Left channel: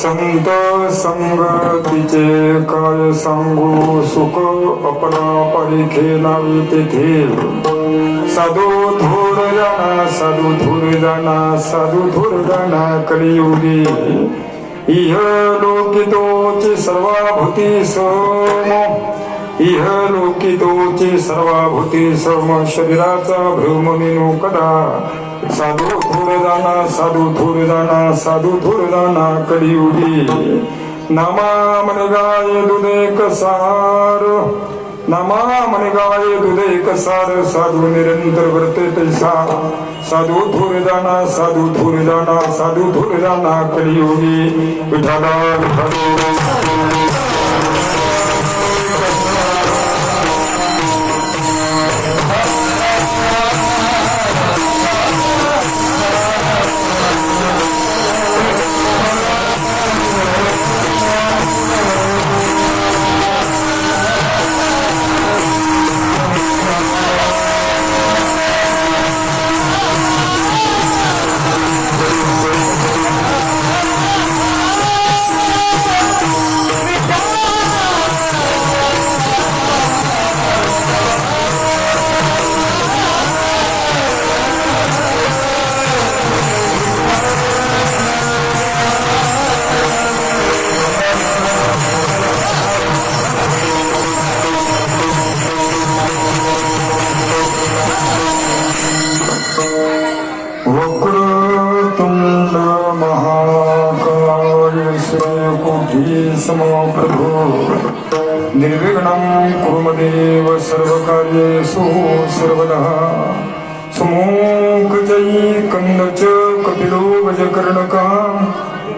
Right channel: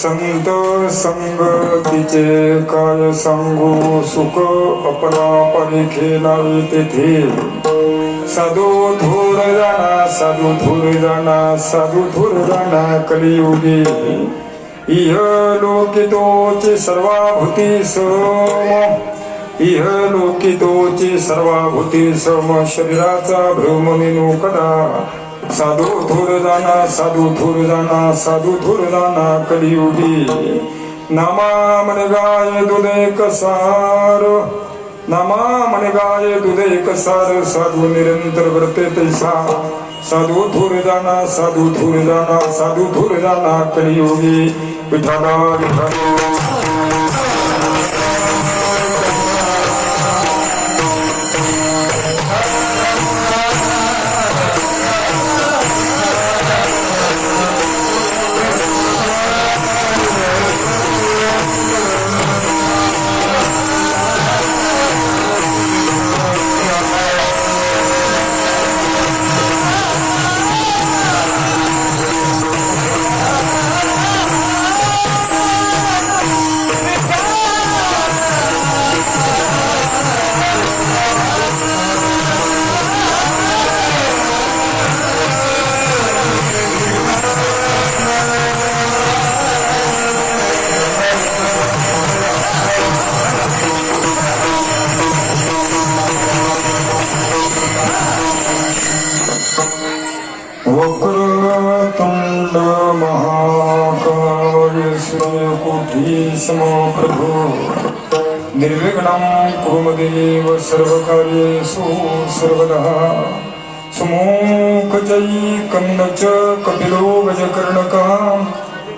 संत संगतीचे काय सांगू सुख अपना परिखे नावी तेथे। साधू धूर जाना साधू धूर जाना साधू धूर जाना कलियुगी। इह लोकितोची सर्वाभूती सम। इह लोकितोची सर्वाभूती सम। शरीराचा भ्रम मेनू कदा साधू थोर जाना साधू थोर जाना साधू थोर जाना कलियुगी नामा म्हणे गाय दुधे कसार. नामा म्हणे गाय दुधे कसार. साधू निरंतर वर्ते तैसा. साधू थोर जाना साधू थोर जाना साधू थोर जाना कलियुगी विठाला विठाला तुण्डमहाकायश्व प्रभो निर्विघ्नम् कुमदेव सर्वकार्येषु सुः सर्वदः समोकचैकन्द च कपिलो गजकर्णक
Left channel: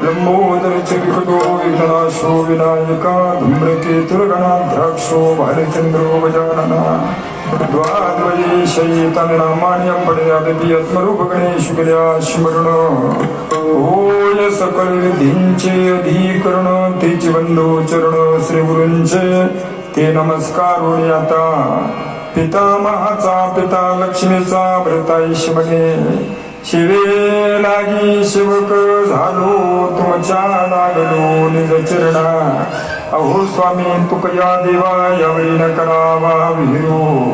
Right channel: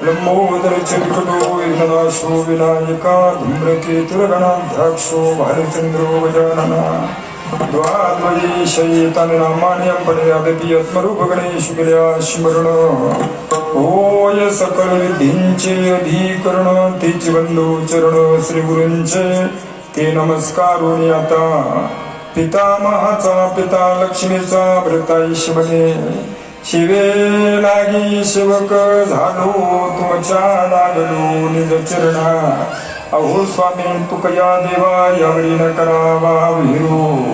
लम्बोदर च विकटो विनाशो विनायका। धुम्रके भालचन्द्रो गजाननः। द्वाद्वयीशयितनामानि अपडयादपि यत्मरूप गणेश गुल्या स्मरण होय सकळ विधींचे अधिकरण तेची बंधू चरण श्री गुरूंचे ते नमस्कार आता पितामहाचा पिता लक्ष्मीचा भरताईश म्हणे शिवे लागी शिवक झालो तुमच्या लागलो निज चरणा अहो स्वामी तुकया देवा यावेळी न करावा विहिरो.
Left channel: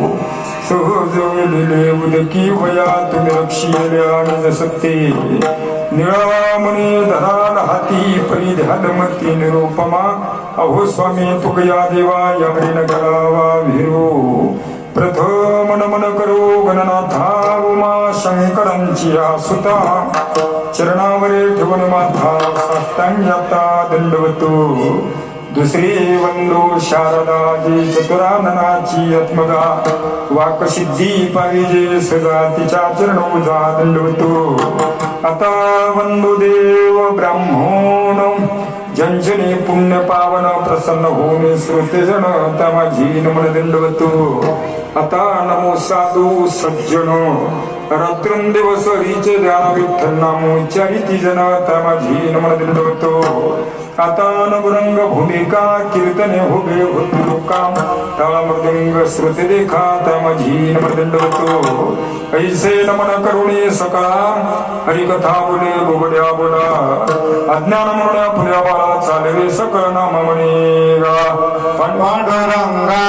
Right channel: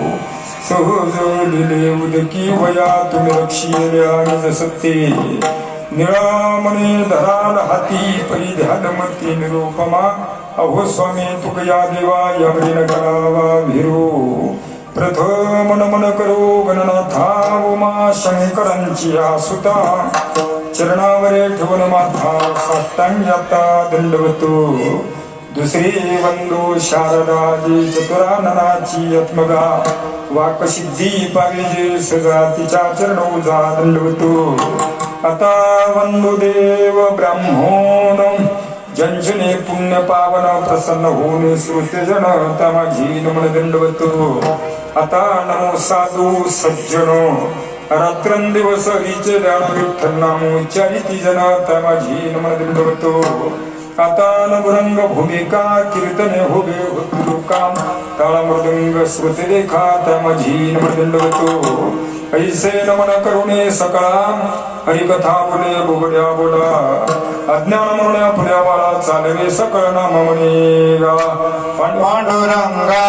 सहज दिले उदकी वया तुम्ही रक्षिले निज सत्ते. निळामणी धराल हाती परिध्यान मती निरोपमा. अहो स्वामी तुकया देवा यावेळी न करावा विहिरो. प्रथम नमन करो गणनाथा उमा शंकरांची आसुता. चरणावरे ठेवून माथा साष्टांग दंडवतो. दुसरी वंदो शारदाजी चतुराननाची आत्मगा. वाकसिद्धी पाहिजे सजा तिच्या चरणोजा दंडवतो आता वंदो देव ब्राह्मण जंजने पुण्य पावन प्रसन्न होऊन श्रोतेजन त्या माझी नमन दंडवतो. आता नमो साधू सज्जन रात्रं दिवस हरीचे ध्यान विठ्ठल नाम जन त्या माझी नमन दंडवतो. आता भूमिका कीर्तने हुबे उत्तुकाम काम ताळ श्रुती देखा त्या माझी ऐसे नमन करुणे सकळा हरिकथा बोले बोबड्या बोला अज्ञान म्हणून पुण्या बाळा चालवे सकळ नाम म्हणे पांडुरंगा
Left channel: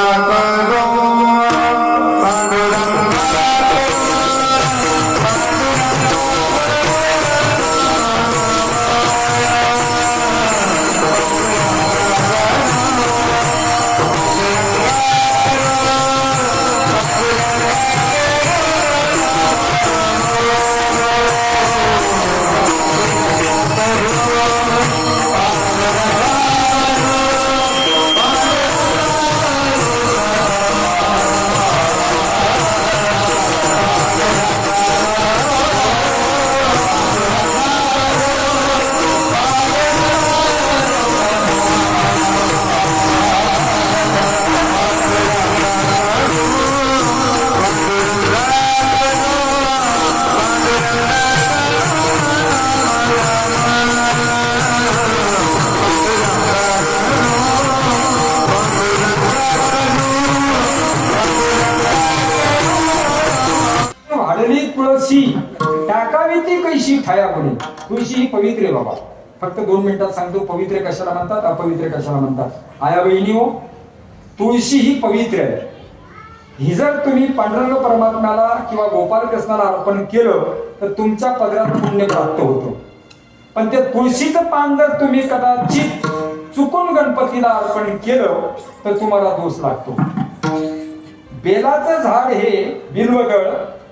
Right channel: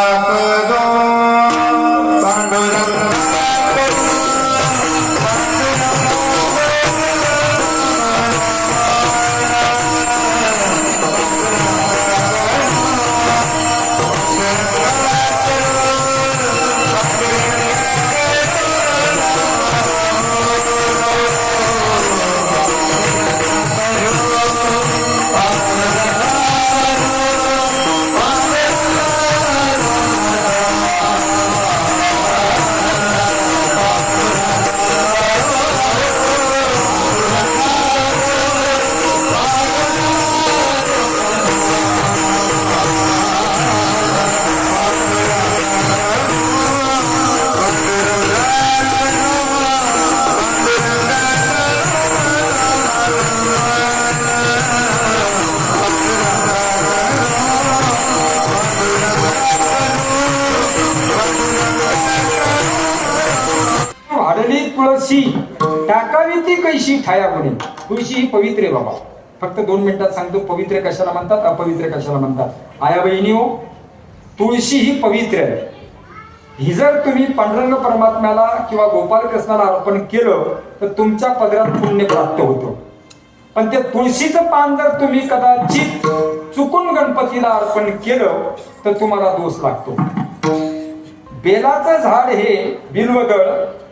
फक्त दोन मिनिटात सांगतो पवित्र कशाला म्हणतात अपवित्र कशाला म्हणतात? आया बहिणी हो तुळशी ही पवित्र आहे ही जर तुम्ही पांडुरंग परमात्म्याला किंवा गोपाल कृष्णाला अर्पण केलं तर तुमच्या पदरात पुण्य प्राप्त होतं. पण ते तुळशीचं पान जर तुम्ही कदाचित चुकून गणपतीला अर्पण केलं तर तुम्हाला दोष लागतो. बेलाचं झाड हे बिल्वगड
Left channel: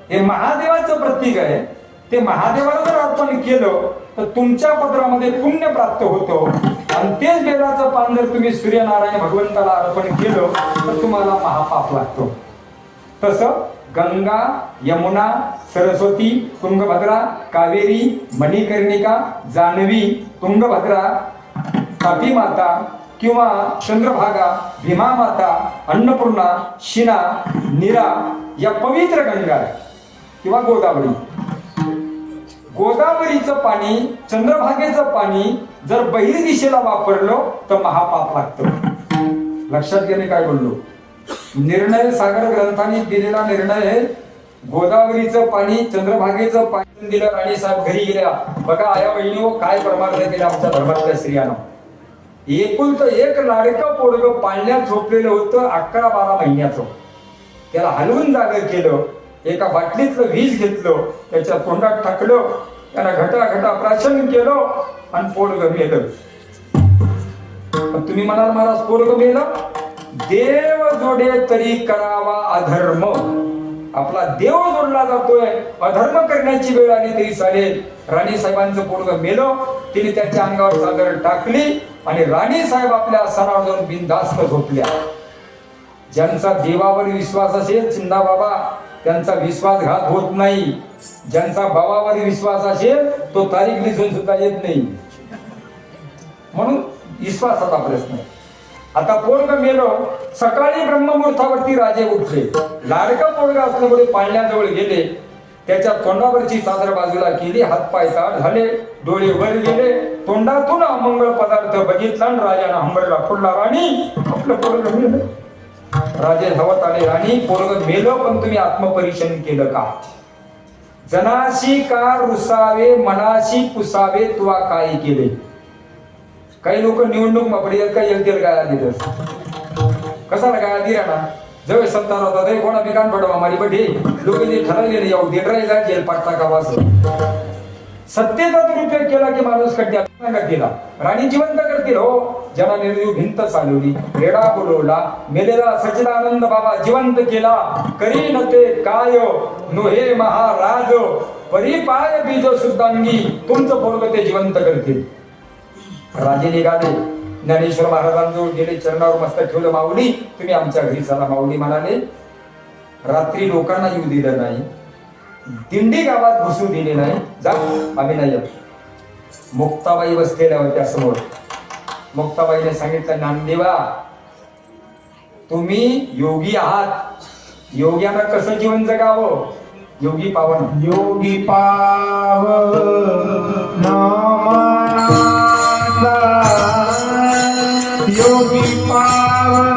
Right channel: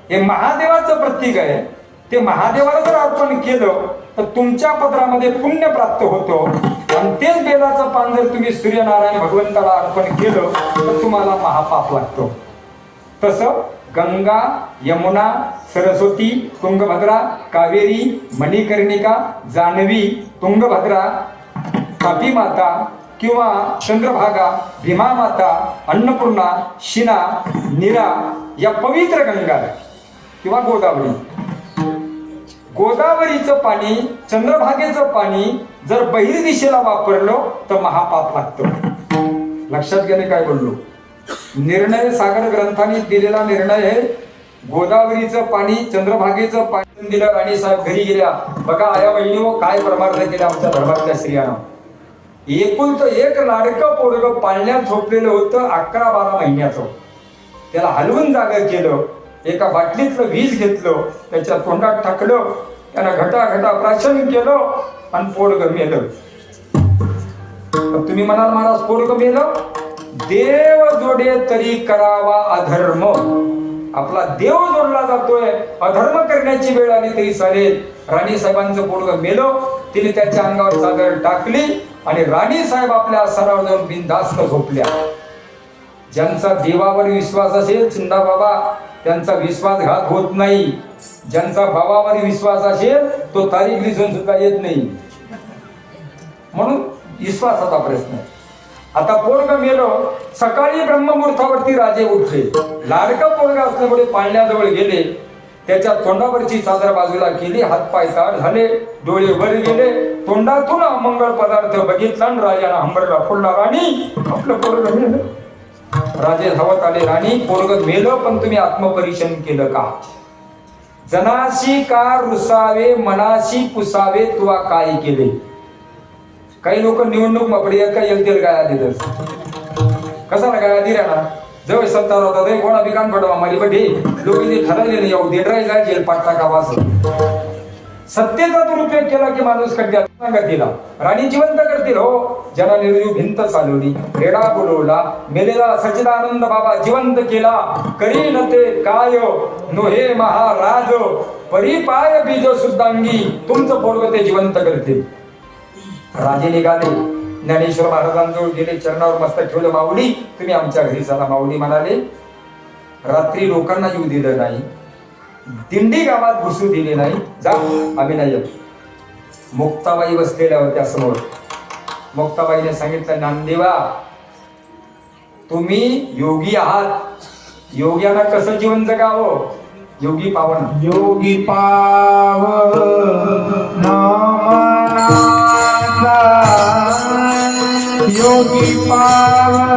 हे महादेवाचं प्रतीक आहे. ते महादेवाला जर अर्पण केलं तर तुमच्या पत्रामध्ये पुण्य प्राप्त होतं. आणि तेच बेलाचं पान जर तुम्ही सूर्यनारायण भगवंताला अर्पण केलं तर तुम्हाला महापाप लागतो. तसं गंगा यमुना सरस्वती तुंगभद्रा कावेरी मणिकर्णिका जान्हवी तुंगभद्रा तापी माता किंवा चंद्रभागा भीमा माता अन्नपूर्णा शिना नीरा या पवित्र गंगा किंवा गोदावरी. गोदावरीचं पाणी चंद्रभागेचं पाणी जर बहिर दिशेला वापरलं तर महापाप लागतं. लक्षात घेणे काय बोललो? निर्णय सागर ग्रंथाने दिलेला निर्णय आहे. गोदावरीचं पाणी चंद्रभागेचं पाणी दिलं राणीसाहेब घरी गेल्या. बघा आया बहिणी हो, काय प्रमाण केले आमच्या धर्मातल्या स्त्रियांना. एकूण तर एक लाडकं पोरग पाळण्यात झोपलेलं होतं अकरा बारा महिन्याचं. त्याला हलवून जागा केलं. एका बाटलीतलं वीज घेतलं त्याच्या तोंडात टाकलं त्याला घटा घटा प्राशन केलं आणि पोरग मेलं. तुम्ही म्हणाल महाराज पोरग मेलं? देव जोडे तरी करावा अधर्म. आपला देव जोडला जातोय अधर्म करण्याची वेळ आली तरी चालेल. राणी साहेबांचं पोरग मेलो तिने त्याच्या अंगावर चादर टाकली आणि राणी साहेब आपल्या आसनावर जाऊन बिनधास्त झोपल्या. ज्यांचा देवावर विश्वास असेल चिंदा बाबा त्यांचा विश्वासघात होत नाही. ज्यांचा भावामध्ये विश्वास असेल तो तारीख लिहून सुद्धा येत नाही. म्हणून विश्वासाचा प्रश्न. आता पोरग गेलं सकाळी ब्रह्ममुहूर्तावरती राजे उठले. लाडका पोरग असल्यामुळे पाळण्याजवळ गेले. त्याच्या तोंडावरची चादर बाजूला केली हातपाय ताड झाले डोळे वर गेले. तोंडातून अमंगल पदार्थ बघितला राजाने हंबरला फोडला. राणी आपलं पोरग राजे धावत आले राणी पोरग मेलं पण तुम्ही आत्मपरीक्षण केलं का? जनाशी का रुसावे मनाशी पुसावे तुवा काय केले? काही लोक निवडणूक मपडी का? येतील काय आधी तर. कसा ना काय आधी ना. जवळ सत्तार होता ते कोणा बिकान पडवा मारी बड्डी लोक ठरवले नाही येऊ देडराई जाय जेल पाठ टाका असं सत्तेचा दुरुपयोग केला की माणूस कड्यात केला राणी जिवंत करतील हो. ज्याला निर्जीव भिंत चालवली रेडा बोलवला मेलेला सचिदानंद बाबा जिवंत केला. करी न ते काय हो? नोहे महाराज हो. परिपाय बीज सुद्धांगी तुमचं पोरग ते जिवंत करतील. राजे निघाले. ज्ञानेश्वर महाराजांजवळ गेले चरणावर मस्त ठेवलं माऊली तुम्ही आमच्या घरी चला माऊली म्हणाले. रात्री लोकांना येऊ दिलं नाही. दिंडी गावात घुसू दिले नाही. जाऊ आम्ही नाही मुक्ताबाई बसलेल्या होत्या समोर. मुक्ताबाईने सांगितलं नामदेवा तुम्ही योगी आहात. योग्यांना कसं जीवन जगावं? योगी पावन. योगी पाव योगी पाव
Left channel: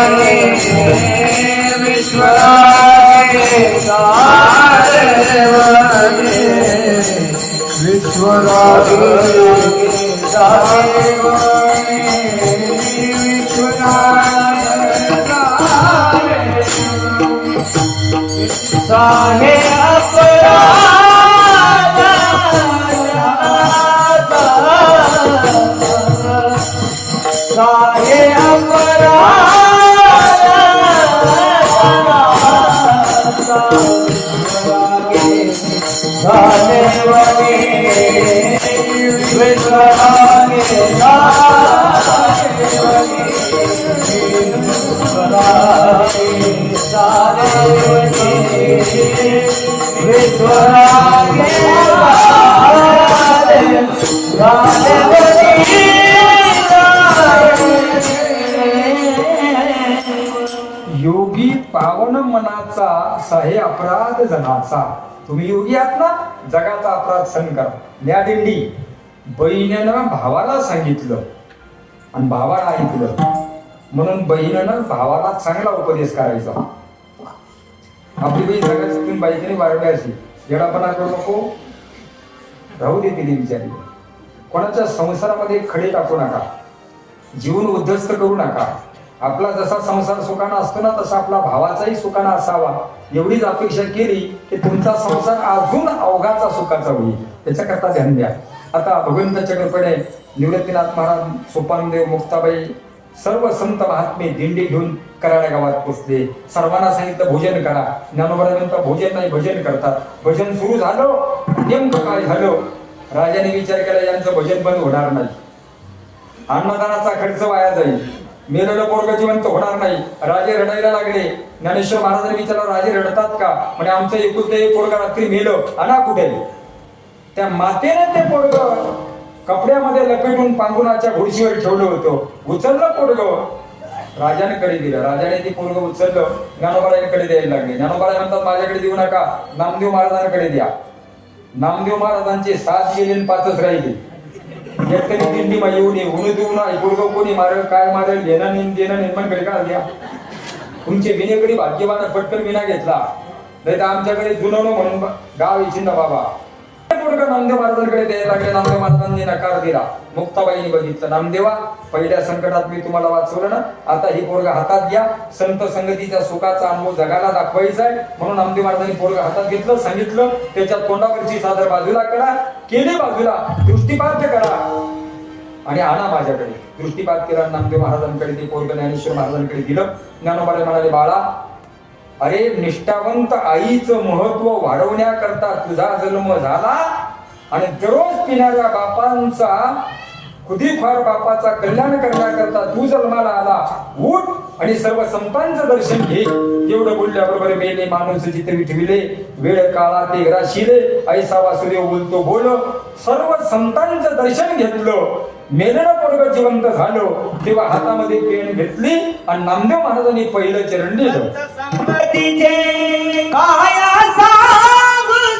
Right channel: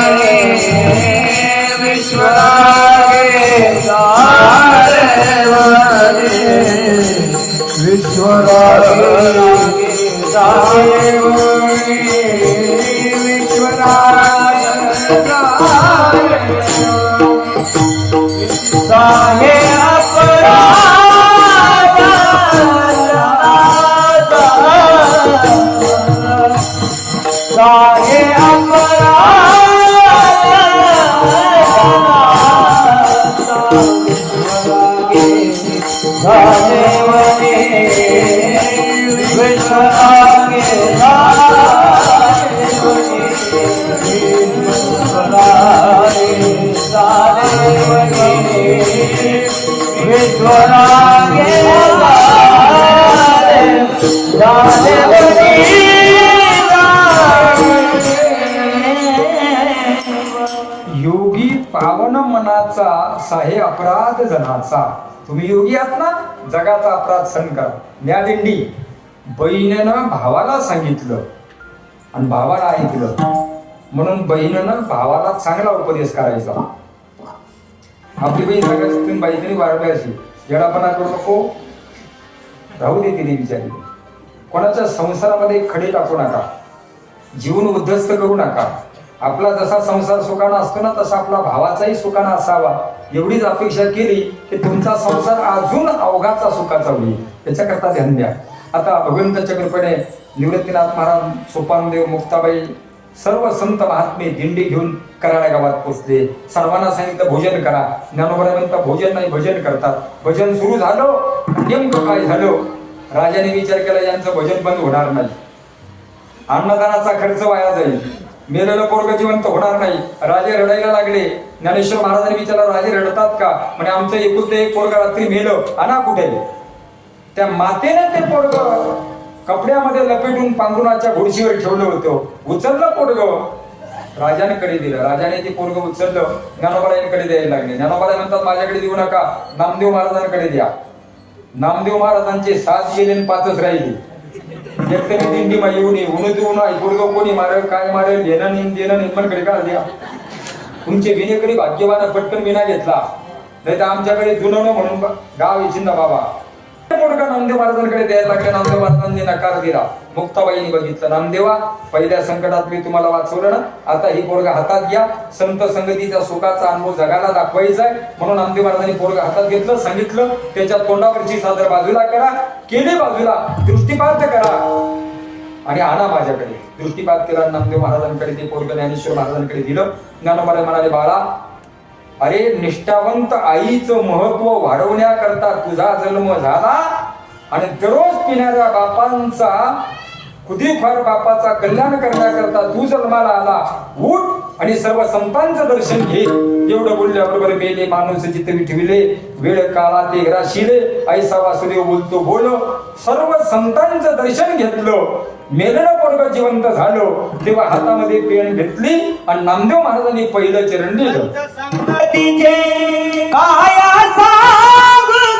साहे योगी पावन मनाचा साहे अपराध जनाचा. तुम्ही योगी आहात ना? जगाचा अपराध सहन करा. म्या दिंडी बहिणीनं भावाला सांगितलं आणि भावाला ऐकलं. म्हणून बहिणीनं भावाला चांगला उपदेश करायचा. आपली बहीण जगाची तुम्ही बाईतरी अशी. येडापणा करू नको. राहू दे तिने बिचारी. कोणाच्या संसारामध्ये खडे टाकू नका. जीवन उद्ध्वस्त करू नका. आपला जसा संसार सुखाना असतो ना तसा आपला भावाचाही सुखाना असावा. एवढीच अपेक्षा केली की तुमचा संसार अजून अवघाचा सुखाचा होईल. त्याच्याकरता ध्यान द्या. आता भगवंताच्या कृपेने निवृत्तीनाथ महाराज सोपानदेव मुक्ताबाई सर्व संत महात्मे दिंडी घेऊन कराड्या गावात पोचले. सर्वांना सांगितलं भोजन करा. ज्ञानोबरानंतर भोजन नाही भजन करतात. भजन सुरू झालं नेमकं काय झालं? राजाने विचार केला यांचं भजन बंद होणार नाही. अन्नदानाचा खर्च वाया जाईल. मेलेलं पोरग जिवंत होणार नाही. राजे रडायला लागले. ज्ञानेश्वर महाराजांनी विचारलं राजे रडतात का? म्हणजे आमचं एकुलते एक पोरग रात्री मेलं. आणा कुठे? त्या मातेने ते पोरग कपड्यामध्ये लपेटून पांघरुणाच्या घोडशीवर ठेवलं होतं. उचललं पोरग. राजाने कडे दिलं. राजाने ते पोरग उचललं. ज्ञानोबारायांकडे द्यायला लागले. ज्ञानोबाराय म्हणतात माझ्याकडे देऊ नका. नामदेव महाराजांकडे द्या. नामदेव महाराजांचे सात गेले पाचच राहिले. एकट्याने दिंडी मा येऊ नये ऊन देऊ नये गुडगाव कोणी मारेल काय मारेल देणं नेम देणं निर्माण बेकार द्या. तुमचे विनेकडे भाग्यवान पटकन विना घेतला. नाही तर आमच्याकडे जुनवणं म्हणून गाव गाव येशिंदा बाबा. नामदेव महाराजांकडे द्यायला नामदेव महाराजांनी नकार दिला. बघितलं. नामदेवा पहिल्या संकटात मी तुम्हाला वाचवलं ना? आता ही पोरगा हातात घ्या. संत संगतीचा सुखाचा अनुभव जगाला दाखवायचा आहे. म्हणून नामदेव महाराजांनी पोरगा हातात घेतलं सांगितलं. त्याच्या तोंडावरची सादर बाजूला करा. केली बाजूला. दृष्टीपात करा. आणि आणा माझ्याकडे. दृष्टीपात केला नामदेव महाराजांकडे ते पोरग ज्ञानेश्वर महाराजांकडे दिलं. ज्ञानोबाला म्हणाले बाळा अरे निष्ठावंत आईचं महत्त्व वाढवण्याकरता तुझा जन्म झाला आणि दररोज पिणाऱ्या बापांचा खुदीफार बापाचा कल्याण करण्याकरता तू जन्माला आला. उठ. आणि सर्व संतांचं दर्शन घे. एवढं बोलल्याबरोबर मेले माणूस जिथे विठविले वेळ काळा ते राशिले ऐसा वासुदेव बोलतो बोल. सर्व संतांचं दर्शन घेतलं. मेलेलं पोरग जिवंत झालं. तेव्हा हातामध्ये पेन घेतली आणि नामदेव महाराजांनी पहिलं चरण दिलं.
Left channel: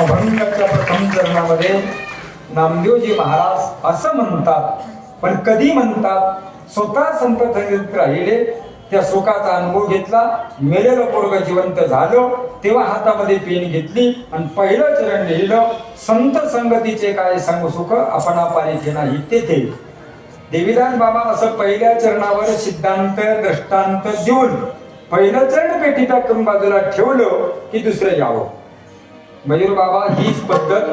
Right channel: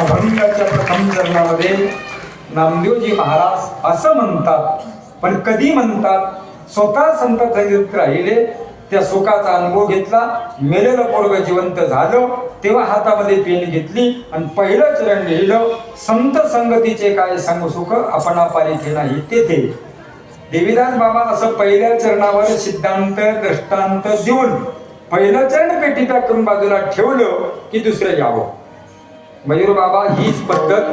अवंगाच्या प्रथम चरणामध्ये नामदेवजी महाराज असं म्हणतात. पण कधी म्हणतात? स्वतः संत चरित्र राहिले त्या सुखाचा अनुभव घेतला मेलेलं पोरग जिवंत झालं तेव्हा हातामध्ये पेन घेतली आणि पहिलं चरण लिहिलं संत संगतीचे काय सांगू सुख आपणा पारिथे नाही तेथे. देवीदास बाबा असं पहिल्या चरणावर सिद्धांत दृष्टांत देऊन पहिलं चरण पेटी पॅक करून बाजूला ठेवलं की दुसरं यावं. मयूर बाबा हीच पद्धत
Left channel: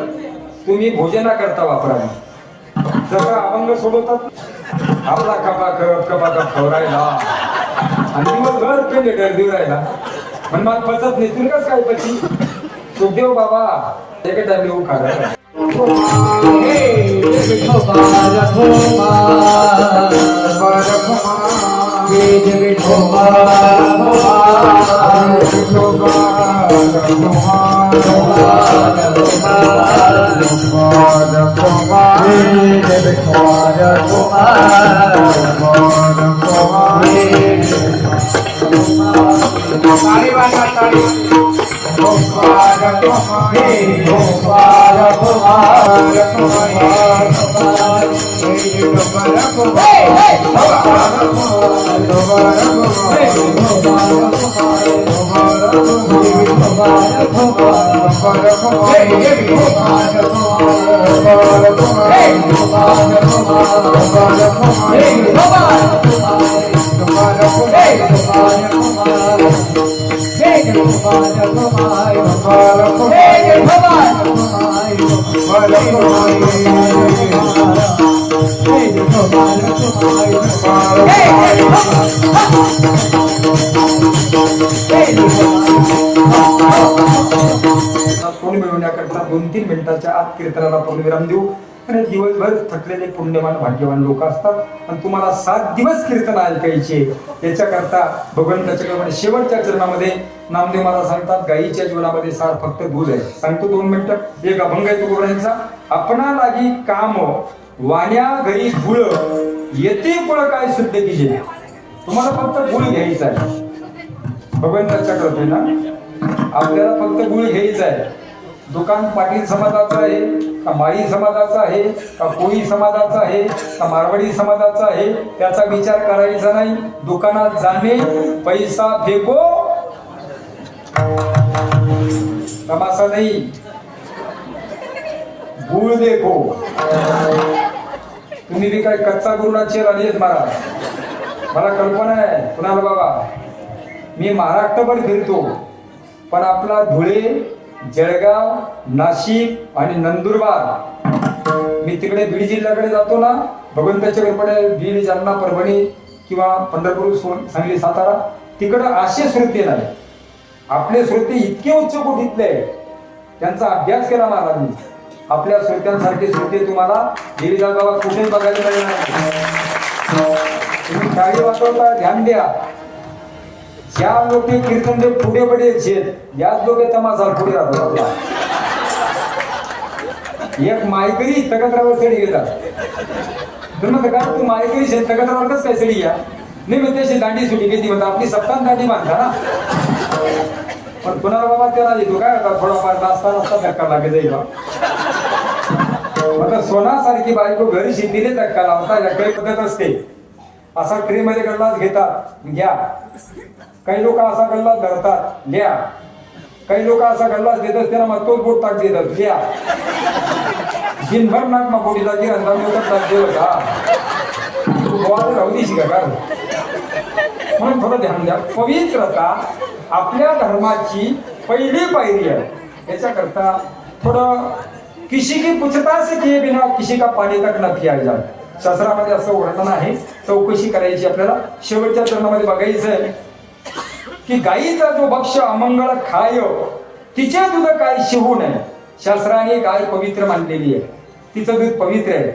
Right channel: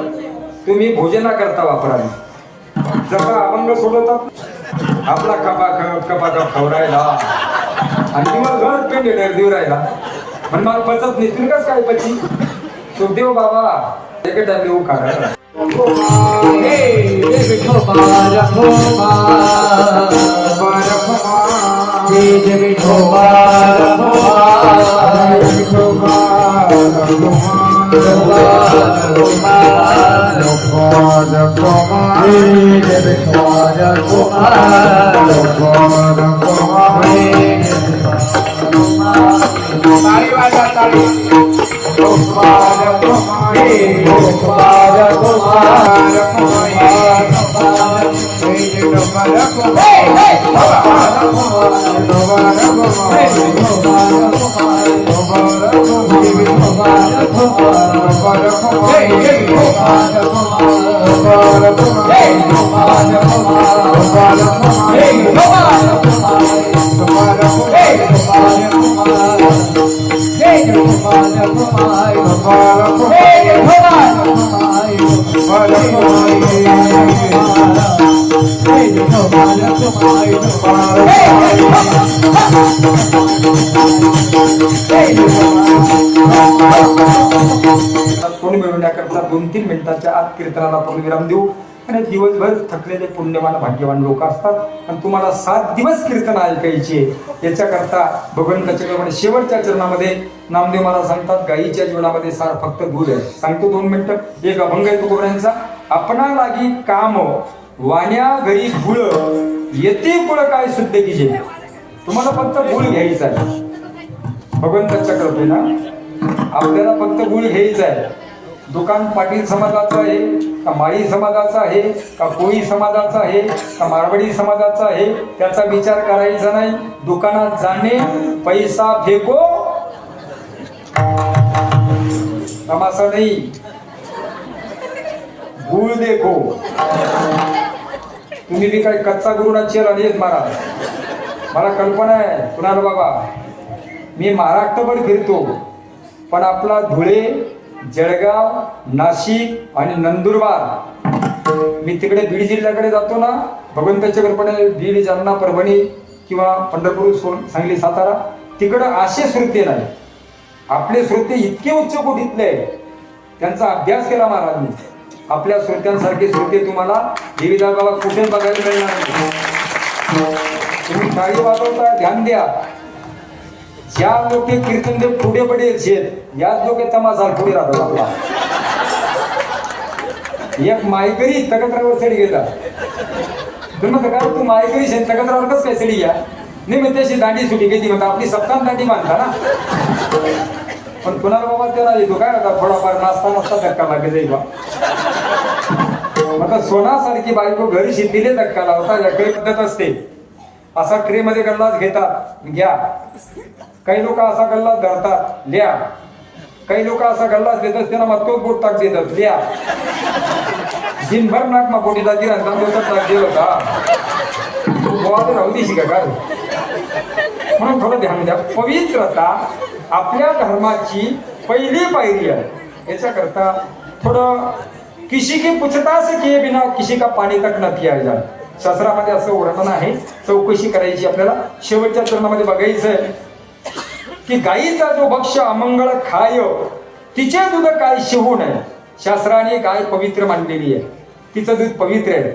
तुम्ही भोजना करता वापरावी. जसं अभंग सोडवतात आपला कपा करत कपा कप खवरायला आणि मग घर केले डरदेव राहिला. पण मला पचत नाही. तुम्ही काय पची सुखदेव बाबा एका टाइम येऊ Hey, hey, कोण दोन आत कीर्तनाला आपण विराम देऊ. आणि दिवसभर थकलेले पुण्यवान भाग्यवान लोक असतात. आणि तुम्हाला सात दिवस कीर्तन ऐकायचे. याच्याकरता भगवंताच्या क्रमाने शेवटच्या चरणामध्ये नामदेव मला सांगतात गायीच्या जीवनामध्ये सार फक्त दूध आहे. सांगतो दोन मिनिटं. एक अभंग आहे तुकोबऱ्यांचा आपणा लागी काम वाण्या घरी गुळ येते पुढं काय शुद्ध की तुम्हाला फक्त गुळ घ्यायचा आहे. भगवंताच्या कृपेनं आपल्याला फक्त गुळ घ्यायचा आहे. दुकान पाटील समाजाचं आहे का माळी समाजाचं आहे का कोळी समाजाचं आहे का मारवाडी समाजाचं आहे त्याचा विचार करायचा नाही. दुकानात जाणे पैसा फेको. तमासा नाही गुळ देखो. तुम्ही बी काही कच्चा गुरु राहिलेत महाराज मला कल्पना आहे कुणाला बाबा? मी महाराष्ट्रभर फिरतो पण आपला धुळे जळगाव नाशिक आणि नंदुरबार मी तिकडे बीड जिल्ह्याकडे जातो ना भगवंताच्या कृपेने बीड जालना परभणी किंवा पंढरपूर सोन सांगली सातारा तिकडं असे श्रोते नाही आपले श्रोते इतके उच्च कोटीतले आहेत. त्यांचा अभ्यास केला महाराजांनी आपल्या श्रोत्यांसारखे श्रोते तुम्हाला देवी बाबा कुठे बघायला मिळणार नाही. तुम्ही वाजवता ध्यान द्या ज्या लोक कीर्तन देव पुढे पडे आहेत याच लोक तमाशा पुढे राहतो आपला. एक मायकरी तकतरावर चढी गेला. तुम्ही म्हणता का तू मायकरी शेत तकतरावरच काय चढी या? नाही मग त्याशी दांडी सुटी घेतली म्हणता आपली सत्ता दांडी बांधता ना. पण कुणाला बाबा त्याला येतो काय आता थोडाफार नाचता नाचता धक्का लागे जाईल बा. आता सोनासारखी बायको घरी शेतीले धक्का लावता याकडे पद्धत असते. असा ट्रेमध्ये गल्ला गल्लाच घेतात. घ्या. काही लोक असा गल्ला धरतात. लिया. काही लोक असा गल्लाच देतात त्यांना मग तोच बोट टाक देतात लिया. दिनभर नाक मग बोटीला गिरा टाक देत होता. गोवा तर राहू देशी का काय? म्हणून थोडं ध्यान द्या. पवित्रता आपल्या धर्माची पहिली पायरी आहे. याच्याकरता थोडं किसी की पूछताछ किए बिना किसी का पाणी तक न किया जाए शास्त्रामध्ये असं वर्णन आहे. चौकशी करायची आपल्याला. शेवटच्या चरणामध्ये बघायचं आहे की गायीचा जो भक्ष अमंगळ खाय तिचे दूध काय शिवू नये. शास्त्राने गाय पवित्र मानलेली आहे. तिचं दूध पवित्र आहे.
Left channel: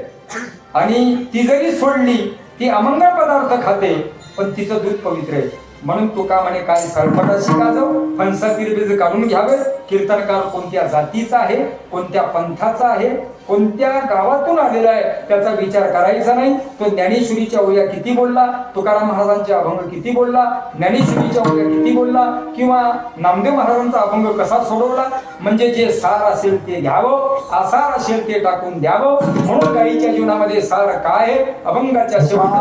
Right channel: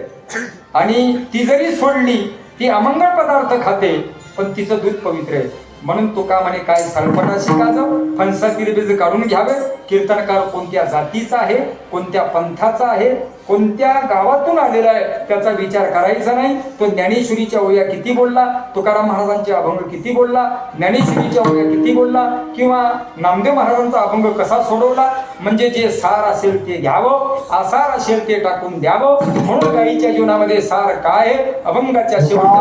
आणि ती जरी सोडली ती अमंगळ पदार्थ खाते पण तिचं दूध पवित्र आहे. म्हणून तुका म्हणे काय सरपटा शिका जाऊ फणसा काढून घ्यावे कीर्तनकार कोणत्या जातीचा आहे? कोणत्या पंथाचा आहे? कोणत्या गावातून आलेला आहे त्याचा विचार करायचा नाही. तो ज्ञानेश्वरीच्या ओया किती बोलला तुकाराम महाराजांचे अभंग किती बोलला ज्ञानेश्वरीच्या ओया किती बोलला किंवा नामदेव महाराजांचा अभंग कसा सोडवला? म्हणजे जे सार असेल ते घ्यावं असार असेल ते टाकून द्यावं म्हणून गाईच्या जीवनामध्ये सार काय आहे? अभंगाच्या शेवटी.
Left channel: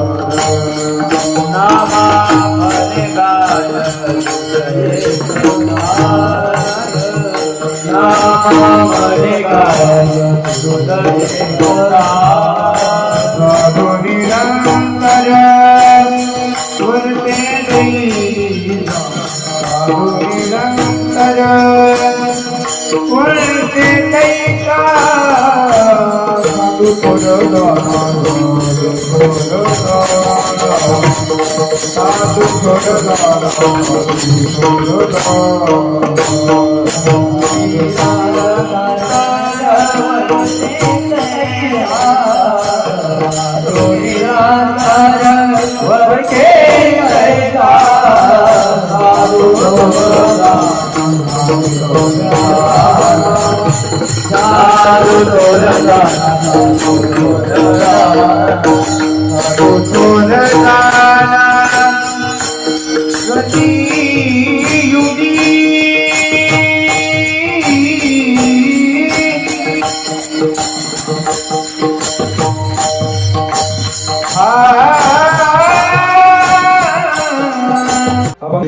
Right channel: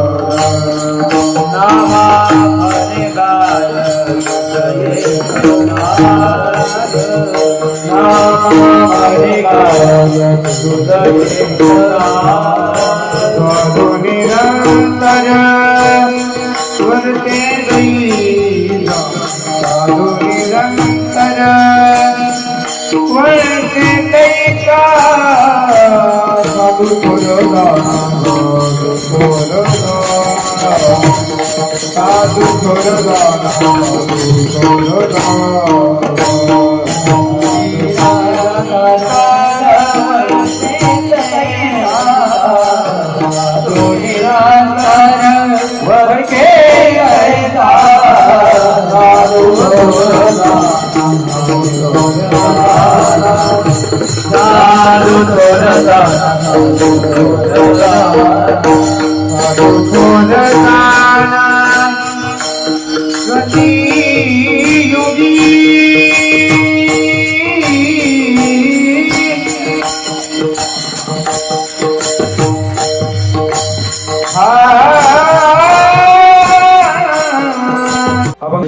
एकला दूध अभंगी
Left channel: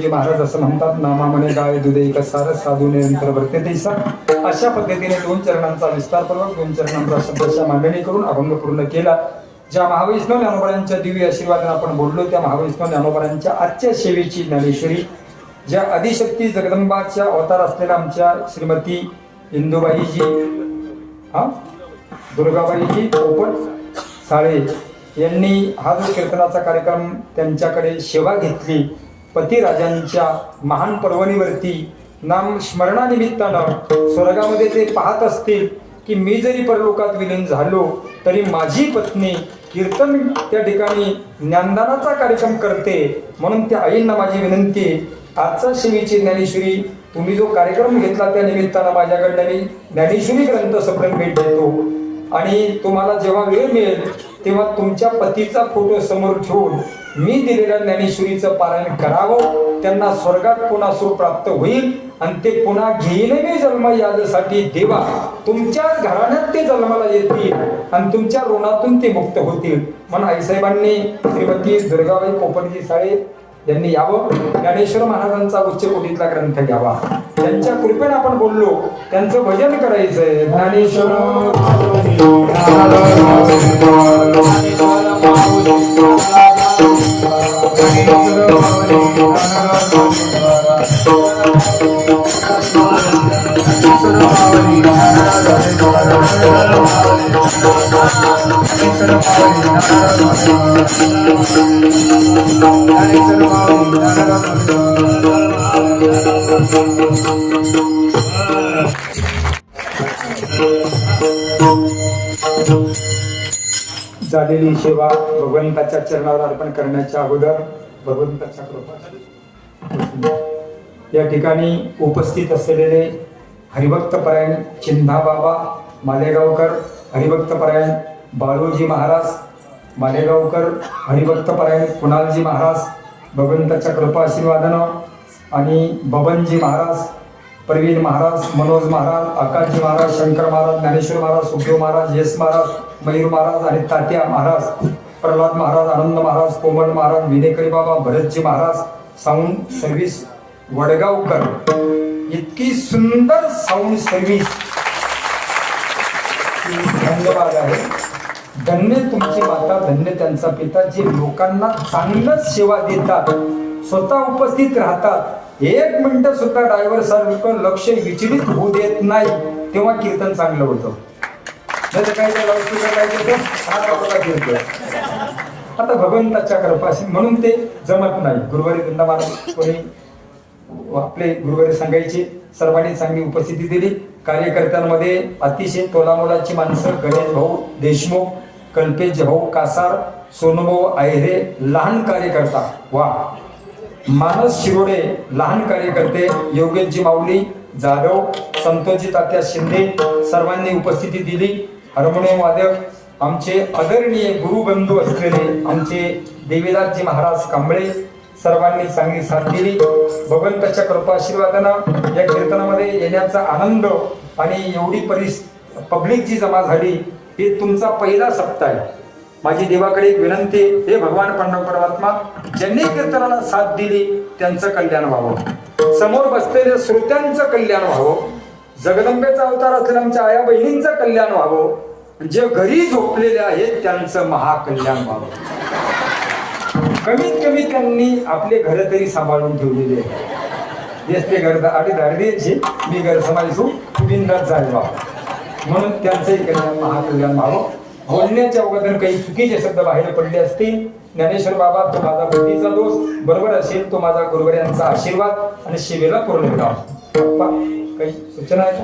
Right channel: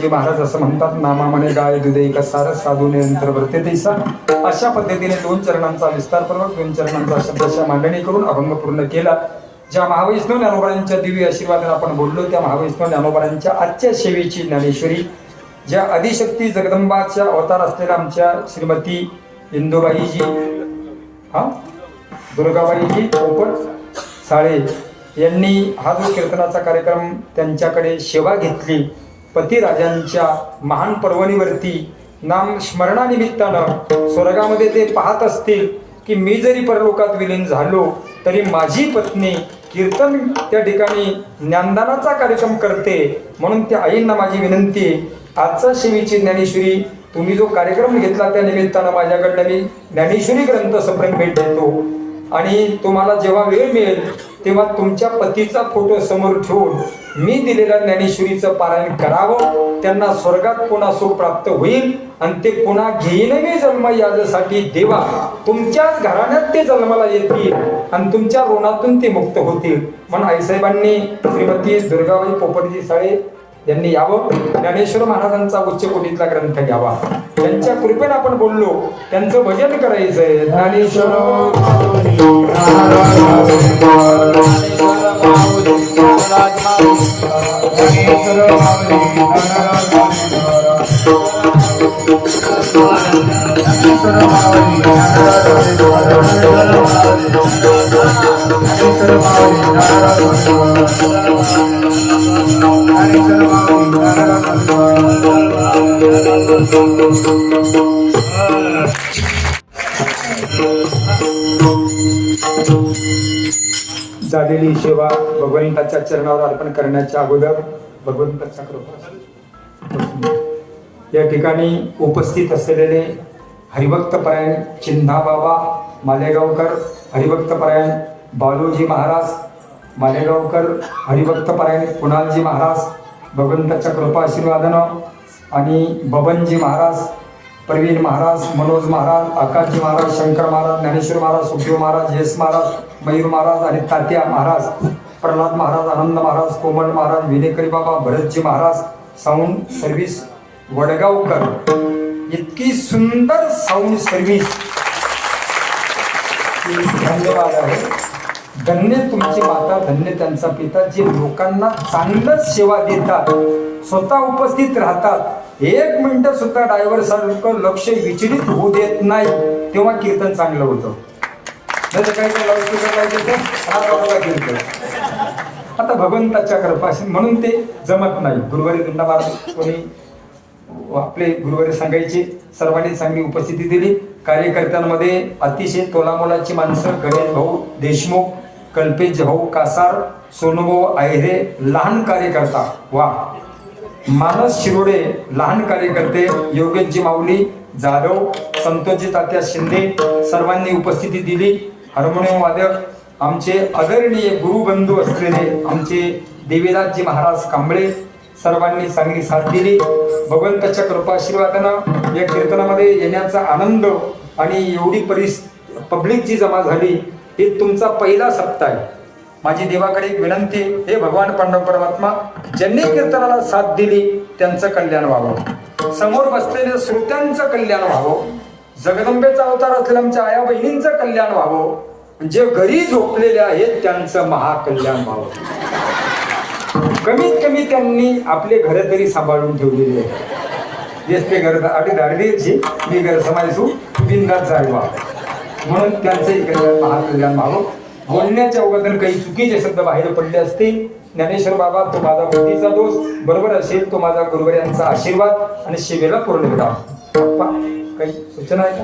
महाराज असं म्हणतात नामा म्हणे गाय दुधे एक सार साधू निरंतर भरते तैसा अशा पद्धतीने दोन चरणांचा विस्तार विस्तारपूर्वक दोन चरणांचा शब्दशा मांडणी करून अभंग पूर्ण केला. ज्या महावैष्णव ज्ञानोबांच्या दिव्य आशीर्वादाने आपण बोललो त्या महावैष्णव ज्ञानोबांच्या आजच्या सेवेची ज्ञानेश्वरी ज्या अधिशक्ती जगदंबाच्या अवतार असलेल्या आमच्या श्रीमती इंदुबाईजी हा? दुर्गाबाईजी पोपट साळे यांनी हा जो कीर्तनाचा कार्यक्रम त्यांच्याकडे सेवा घेतली पतिराजांच्या महान पर्वणीवरती नाम स्मरणानिमित्तानं स्वर्गामध्ये ते पाहत असतील की मी जरी परलोकात विलीन झालो तरी माझी पत्नी कीर्तन त्या ठिकाणी ज्ञानदानाचा कार्यक्रम करते म्हणून त्या आईंना माझी विनंती आहे आजचा शिवीची ज्ञानेश्वरी तुम्ही जो कार्यक्रम घेतला त्या निमित्तानं माझ्याकडनं मी ज्ञानेश्वरी ग्रंथ सप्रेम भेट देतो. आणि तुम्हाला जेव्हा वेळ मिळेल तेव्हा तुमच्या पतीचा फोटो समोर ठेवून मी दिलेल्या ज्ञानेश्वरीचं पारायण करावं. त्यांना स्वर्गात पुन्हा सुख प्राप्त होईल आणि ते पुन्हा घेईन मी जन्म यासाठी देवा तुमच्याच घराण्यात ते जन्माला येतील आणि तुमच्या ऋणातून ते मुक्त होतील. म्हणून आईसाहेबांनी श्रीमती दुर्गाबाई पोपटजी साळे यांनी यावं. ज्ञानेश्वर महाराजांचा उच्च कोटीतला ग्रंथ घ्यावा. त्यांच्या कृपेने आपण बोललो. त्यांचं भजन करायचंय. ज्ञानेश्वर भगवंताच्या चरणावर अर्पण करण्याच्या अगोदर भगवंताच्या कृपा या ठिकाणी उपस्थित असलेले हरिभक्तपरायण चिंधा बाबा मालेगावकर हरिभक्तपरायण बालूजी बाळूजी महाराज मालेगावकर हरिभक्तपरायण कुणालजी महाराज भगवंताच्या कृपा आशीर्वादानं आणि बबनजी महाराज प्रवीण महाराज मनोज महाराज आकाशजी महाराज शंकर महाराज ज्ञानेश्वर महाराज सुखदेव महाराज येस महाराज मयूर महाराज आणि तात्या महाराज प्रल्हाद महाराज आनंद महाराज कोमल महाराज विनेकरी बाबा भरतजी महाराज साऊंड सर्व्हिस वडगावकर. इतकी सुंदर साऊंड सर्व्हिस. धन्यवाद आहे. धन्य तुमची माता धन्य त्यांचा पिता जे लोकांना चांगलंच सेवा देतात स्वतः उपस्थित राहतात. एक मिनिट सुद्धा ड्रायव्हर सारखं लक्ष विचलित होऊ देत नाही तेव्हा कीर्तन चांगलं होतं. नाही तर काय काय लाऊडस्पीकर हा बाबाला कीर्तन. आता भगवंताच्या कृपाशी म्हणून ते जमत नाही. गुरुवारी वृंदावन कोणी आपले गुरुवारी सांगायचे सर्वांनी चांगली उपस्थिती दिली. कार्यकर्त्यांमध्ये अतिशय तोलामोलाची माणसं गणेश भाऊ देशमुख कल्पेश भाऊ कासार सोनभाऊ आयरे लहान कार्यकर्ता. वा. मानस शिरोडे लहान कार्यकर्ते योगेशजी माऊली जाधव संतोषजी तात्या शिंदे सर्वांनी उपस्थिती दिली. हार्मोनियम वादक आमचे आदरणीय गुरुबंधू असलेले आमचे देवीदासजी महाराज कांबळे सर्वांनी चांगली साथ दिली. भगवंताच्या कृपाशीर्वादानं या कीर्तनामध्ये येण्याचा आनंद आणि एवढी परिस पब्लिक जी जमा झाली हे तुमचा पहिला सप्ताह आहे. माझी देवाकडे एक विनंती हे भगवान पांडव परमात्मा ज्यांनी कीर्तनाला साथ दिली त्यांचं कल्याण व्हावं. समोर बसलेल्या श्रोत्यांचं कल्याण व्हावं. जगदंबेचा अवतार असलेल्या आमच्या आया बहिणींचं कल्याण व्हावं. जे घरी झोपलेले आहेत त्यांचं महाकल्याण व्हावं. कमीत कमी त्यांनी आपले घर तरी सांभाळून ठेवलेले आहे ते घर आधी दाडवीची मी घर समाजू जायवा म्हणून त्यांचे महाकल्याण व्हावं. बोलण्याच्या अगोदर काही चुकीचे शब्द बाहेर पडले असतील ज्ञानेश्वर बाबा तो माझा बुद्धीचा दोष. बरोबर असेल तो माझा गुरुवर यांचा आशीर्वाद आणि शिवेला पूर्ण विराम काही सूचना आहे का?